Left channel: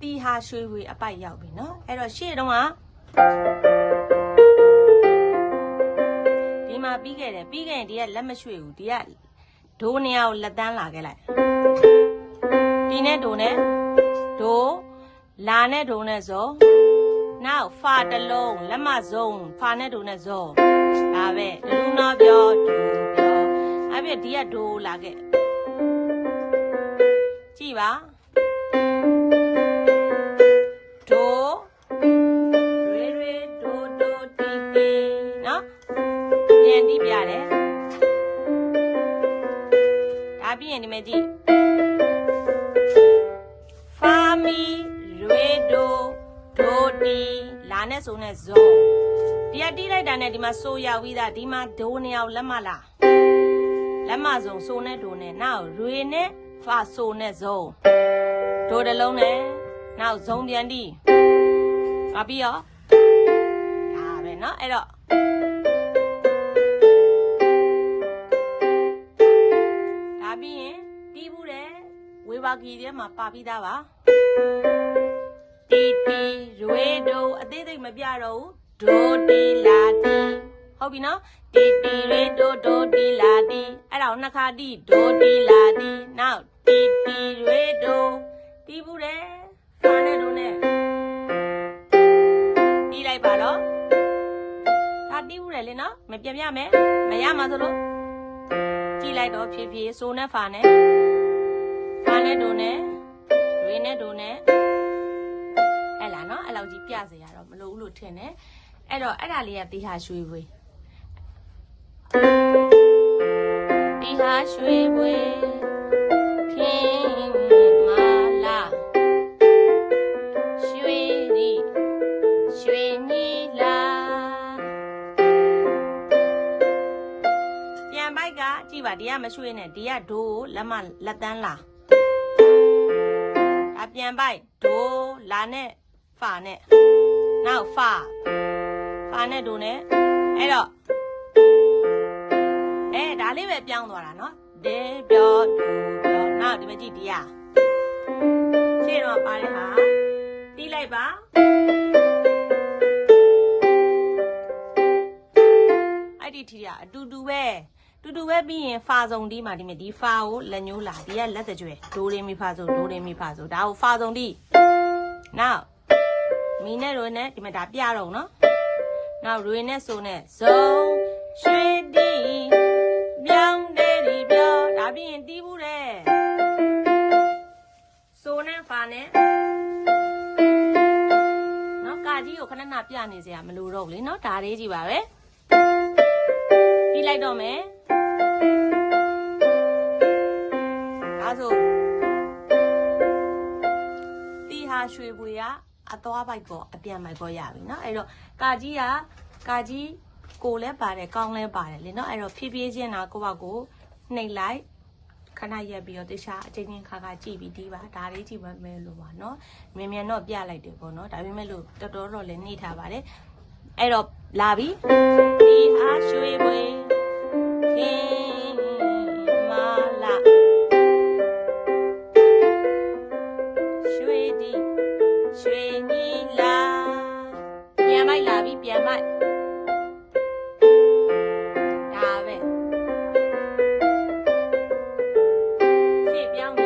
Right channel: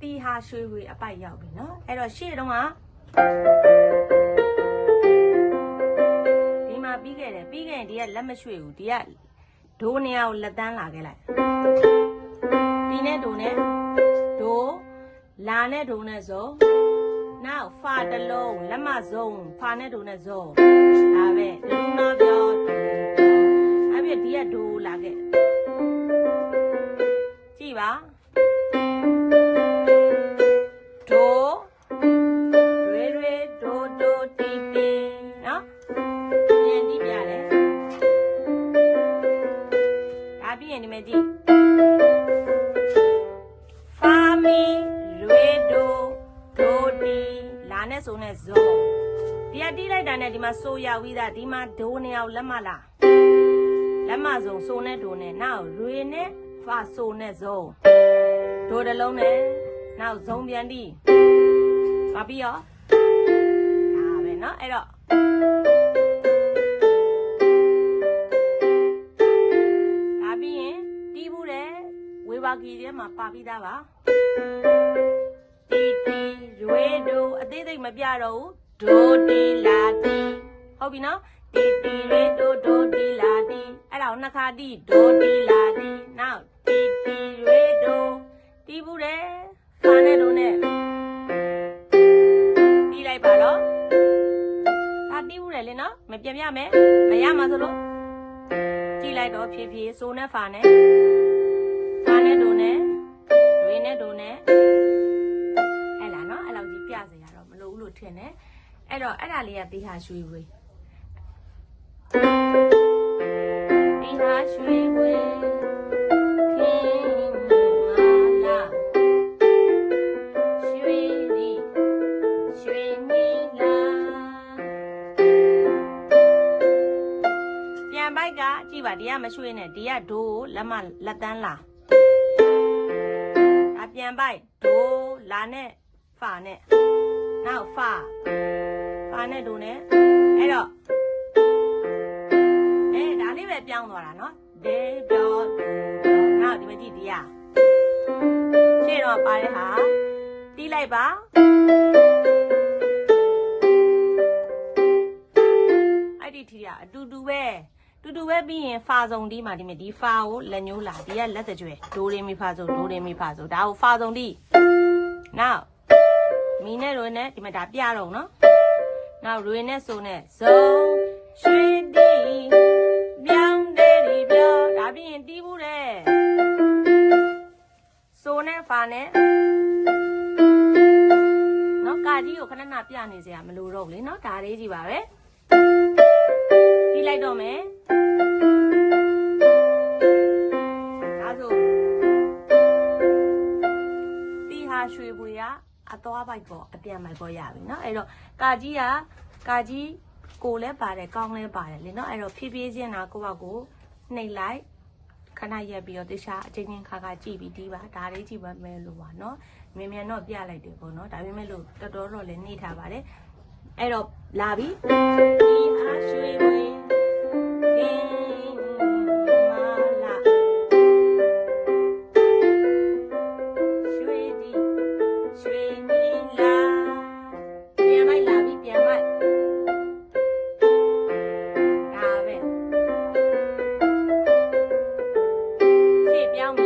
တီဟာရွှေဝေအပိုက်ရောက်ပြီเนาะအဲ့တော့ရှေ့တုန်းကဒီမှာပြီးခဲ့တယ်ပြီးခဲ့ရင်ဒီကလက်မရွှေဘူးဒီကဒိုးနေရာကိုလက်တန်းလာခဲ့လိုက်ဒီနဲ့ဒိုးနဲ့ဒိုးလာနဲ့ဒိုးနဲ့ဇောနောက်ဖာတစ်လုံးလက်မစုံဖာနဲ့ဒိုးနဲ့ဇောဒါပဲလူနာပြောဒူပြောအဲ့ပြဒီကဒိုးလာခဲ့ကြည့်ပါ ပြီးရင်ဒီမဲ့ကြည့် ဖာမီရွေဒိုဒိုတီလာနဲ့ဆိုနဲ့ဇောဒီကတီးလိုက်တာနဲ့ဒီမှာဆိုရဝိသားဒီမှာဒိုနေအောင်လက်မလားလက်မဆုံးဆိုနဲ့ဒိုနဲ့နောက်ရွေနဲ့ဖာဆိုနဲ့ဇောဒိုတစ်လုံးနဲ့နောက်ဇုံပြန်တီးပါပြီးရောဒါပဲเนาะအဲ့တော့ ဝေဘာကီထဲမှာပါပြီးသားပါတီတီရွေဒိုအသေးစိတ်မပြတော့ဘူးဒိုတီလာတီဟုတ်ပြီနော်တီတီရွေဒိုဒိုတီလာတီအဲ့ဒါကိုနှစ်ခါတီဒိုတီလာတီနောက်တီတီရွေဒိုတီးဘူးတယ်ဖာနဲ့ဒိုနဲ့တီးလိုက်ပါတော့ဒါတီးဘူးတယ်လေနော်မပြန်ပြမယ်မရမှာဆိုလို့ကြည့်လိုက်တော့ဖြည်းဖြည်းဆိုနဲ့ဖာနဲ့ ဖာနဲ့ဒိုနဲ့ရွေနဲ့ဒိုနဲ့အဲ့လားနော်အဲ့လောက်ကြီးပြစေရတော့မလိုဘူးလို့ထင်တယ်အဲ့တော့အဲ့ဒါလေးကတီဟာရွှေဝေးတီဟာရွှေဝေးခင်မာလာရွှေဒီရွှေနီလာပြန်ပိုက်ကကြည့်ပါဒီကမရွှေနဲ့ဒီကဒိုးလက်မလက်တန်းလာအ ပြန်ပိုက်ဒိုလာနဲ့ဖာနဲ့နောက်ဖာဖာနဲ့ဒိုနဲ့အဲ့တော့အဲဒါလေးပဲပြောင်းသွားတာနော်ဒေပြောဒူပြောနောက်ဒီမကြည့်ဒီရရှေ့တော့ပါတဲ့ဟာတီးလိုက်ပါအဲ့ဒီထီကအတူတူပဲ တူတူပဲပြီးရင်ဖာစုံတီးမှာဒီမြဒီဖာကိုလက်ညှိုးလာဒီကလက်တကြွယ်ဒိုရေမီဖာဆိုဒိုရေမီဖာဆိုဒါကိုဖာစုံတီးနောက်မီနဲ့ရိုနဲ့ဒီမှာဒါပြတော့နော်နောက်ရိုနဲ့ဆိုနဲ့ဇုံရွှေတီပြောင်းတယ်ဒီပြောဒါပြီးရင်တီးဘူးတဲ့ဆိုနဲ့ဖာနဲ့နော်ကာကြီးကိုခဏခဏပြနေစရာမလိုတော့ဘူးလေနော်ဒါလေးကြီးပါပဲပြီးလိုက်တော့မယ် ဟာရွှေပွေကအသွားပိုက်ကောအပြန်ပိုက်ကောရပြီเนาะအဲ့တော့ကာကြီးကကာကြီးကိုလည်းပါတယ်ကောင်းလည်းပါတယ်လေเนาะအဲ့တော့ဖြည်းဖြည်းချင်းတာကိုယ့်ဘက်ကိုနှိပ်လိုက်ခဏရက်ပြီးတော့တခြားအချင်းချင်းခါခါကြည့်ပြီးဒီပါဒါလေးကြည့်ပါမယ်လို့ပါเนาะမြန်မြန်တော့ပြလိုက်တယ်ပေါ့เนาะဒါပေမဲ့လို့တော်တော်တော့လည်းနှိပ်ထားပါတယ်အဲ့တော့လာပြီတီဟာရွှေပွေ Yeah.